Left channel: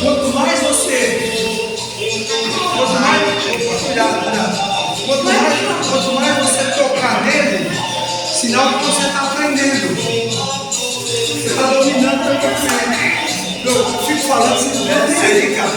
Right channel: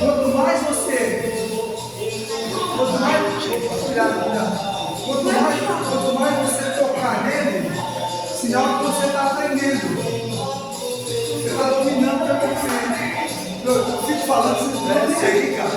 Quanto mais você quanto mais você tocar nele, sinal que você está aprendendo. Você está dominando a tua mente. Eu fico falando assim, não é nem aí, cara.